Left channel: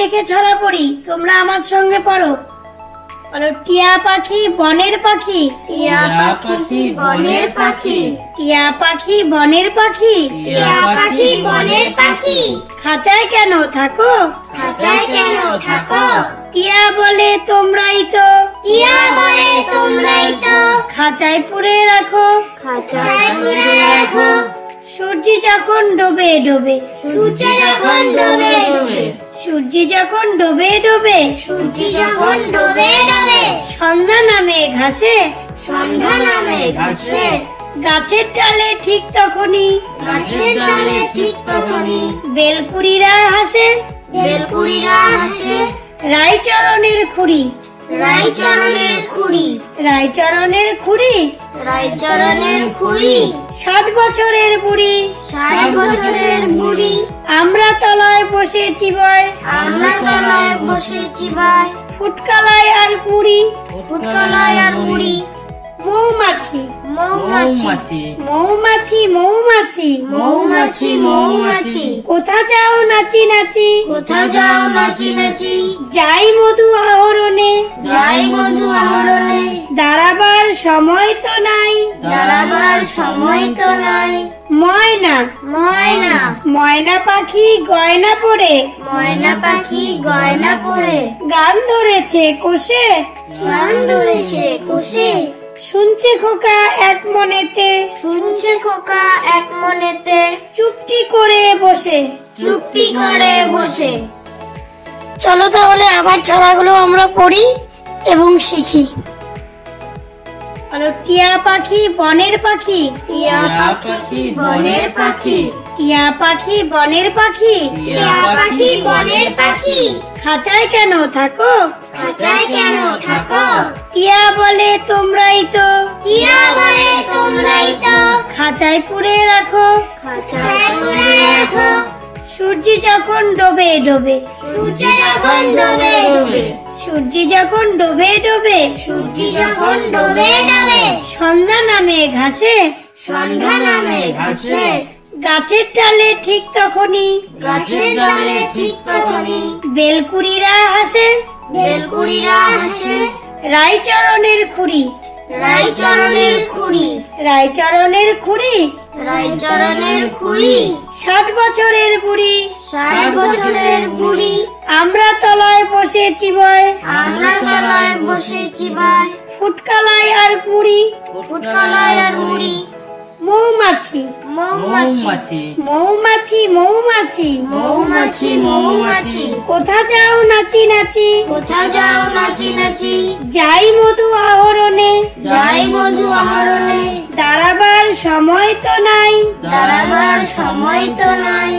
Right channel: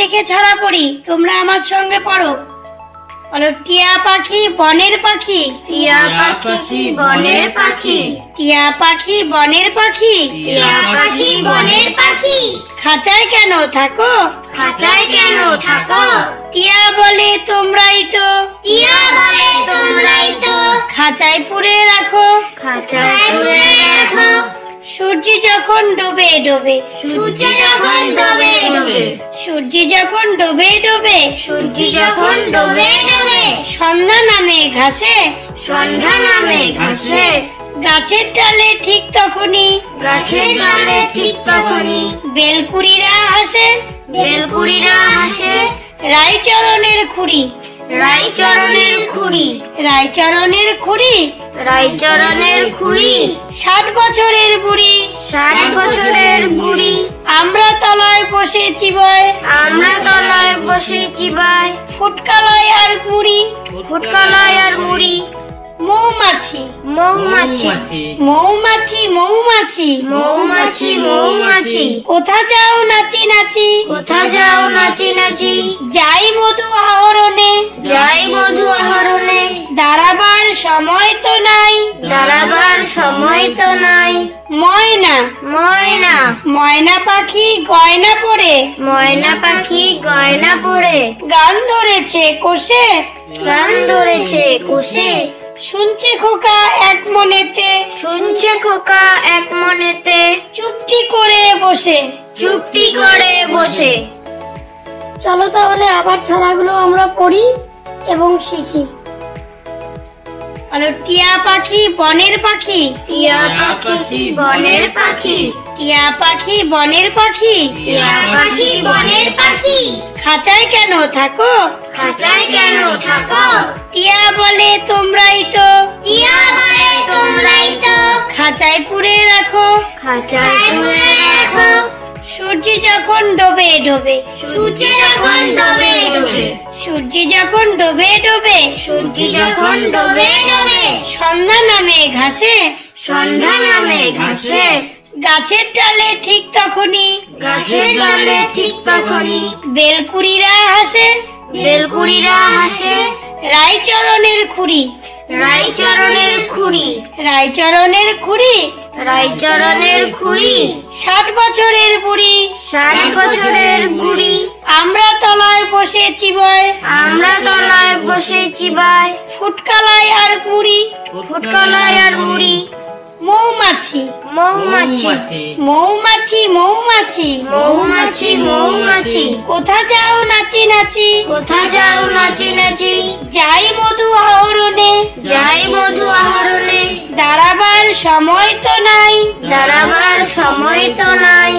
দেখে ছড়া পড়ি, তোমরা আমার সঙ্গে পড়ো। বলো, টিয়া পাখি বনের পাখি, টিয়া পাখি বনের পাখি, টিয়া পাখি বনের পাখি, টিয়া পাখি বনের পাখি, খাঁচায় কেন থাকো, খাঁচায় কেন থাকো, টিয়া বলে তোমরাই তো, টিয়া বলে তোমরাই তো, খাঁচায় পুরে রাখো, খাঁচায় পুরে রাখো, সূর্য যখন ডোবে ডোবে, সূর্য যখন ডোবে ডোবে, সূর্য যখন ডোবে ডোবে, সূর্য যখন ডোবে ডোবে, সন্ধ্যা নামে ঘাসে, সন্ধ্যা নামে ঘাসে, গাছের ডালে ঠিক তখনই, গাছের ডালে ঠিক তখনই, বেলকুড়িরা হাসে, বেলকুড়িরা হাসে, রায়চরণের খুঁড়ি, রায়চরণের খুঁড়ি, রায়চরণের খুঁড়ি, রায়চরণের খুঁড়ি, 60 বছরের বুড়ি, 60 বছরের বুড়ি, আমরা তলায় বসেছি বয়, আমরা তলায় বসেছি ভাই, ফুটকালায় আর মুড়ি, ফুটকালায় আর মুড়ি, মৌমাছি, মৌমাছি, মৌমাছি, মৌমাছি, মৌমাছি, মৌমাছি, কোথা যাও নাচি নাচি, কোথা যাও নাচি নাচি, যাই মধু আহরণে, যাই মধু আহরণে, দাঁড়াবার সময় তো নাই, দাঁড়াবার সময় তো নাই, ময়না, ময়না, ময়না পাখি গয়না পরে, ময়না পাখি গয়না পরে, গান ধরেছে কোষে, গান ধরেছে কুশে, শুনছে খোকা এক মনেতে, শুনছে খোকা এক মনেতে, চুপটি করে বসে, চুপটি করে বসে। চলো তাহলে আবার ছড়াগুলো আমরা পড়ি এবং শিখি। টিয়া পাখি বনের পাখি, টিয়া পাখি বনের পাখি, টিয়া পাখি বনের পাখি, টিয়া পাখি বনের পাখি, খাঁচায় কেন থাকো, খাঁচায় কেন থাকো, টিয়া বলে তোমরাই তো, টিয়া বলে তোমরাই তো, খাঁচায় পুরে রাখো, খাঁচায় পুরে রাখো, সূর্য যখন ডোবে ডোবে, সূর্য যখন ডোবে ডোবে, সূর্য যখন ডোবে ডোবে, সূর্য যখন ডোবে ডোবে, সন্ধ্যা নামে ঘাসে, সন্ধ্যা নামে ঘাসে, গাছের ডালে ঠিক তখনই, গাছের ডালে ঠিক তখনই, বেলকুড়িরা হাসে, বেলকুড়িরা হাসে, রায়চরণের খুঁড়ি, রায়চরণের খুঁড়ি, রায়চরণের খুঁড়ি, রায়চরণের খুঁড়ি, 60 বছরের বুড়ি, 60 বছরের বুড়ি, আমরা তলায় বসেছি বয়, আমরা তলায় বসেছি ভাই, ফুটকালায় আর মুড়ি, ফুটকালায় আর মুড়ি, মৌমাছি, মৌমাছি, মৌমাছি, মৌমাছি, মৌমাছি, মৌমাছি, কোথা যাও নাচি নাচি, কোথা যাও নাচি নাচি, যাই মধু আহরণে, যাই মধু আহরণে, দাঁড়াবার সময় তো নাই, দাঁড়াবার সময় তো নাই,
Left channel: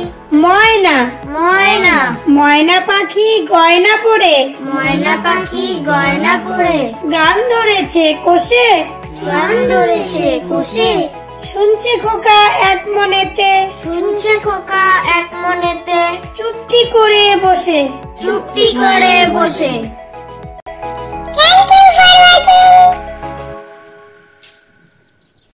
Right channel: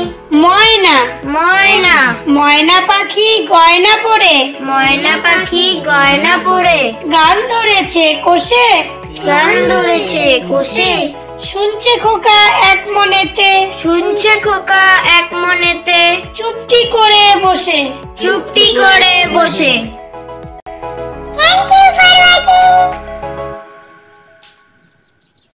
ময়না, ময়না, ময়না পাখি গয়না পরে, ময়না পাখি গয়না পরে, গান ধরেছে কোষে, গান ধরেছে কুশে, শুনছে খোকা এক মনেতে, শুনছে খোকা এক মনেতে, চুপটি করে বসে, চুপটি করে বসে। Thank you for watching.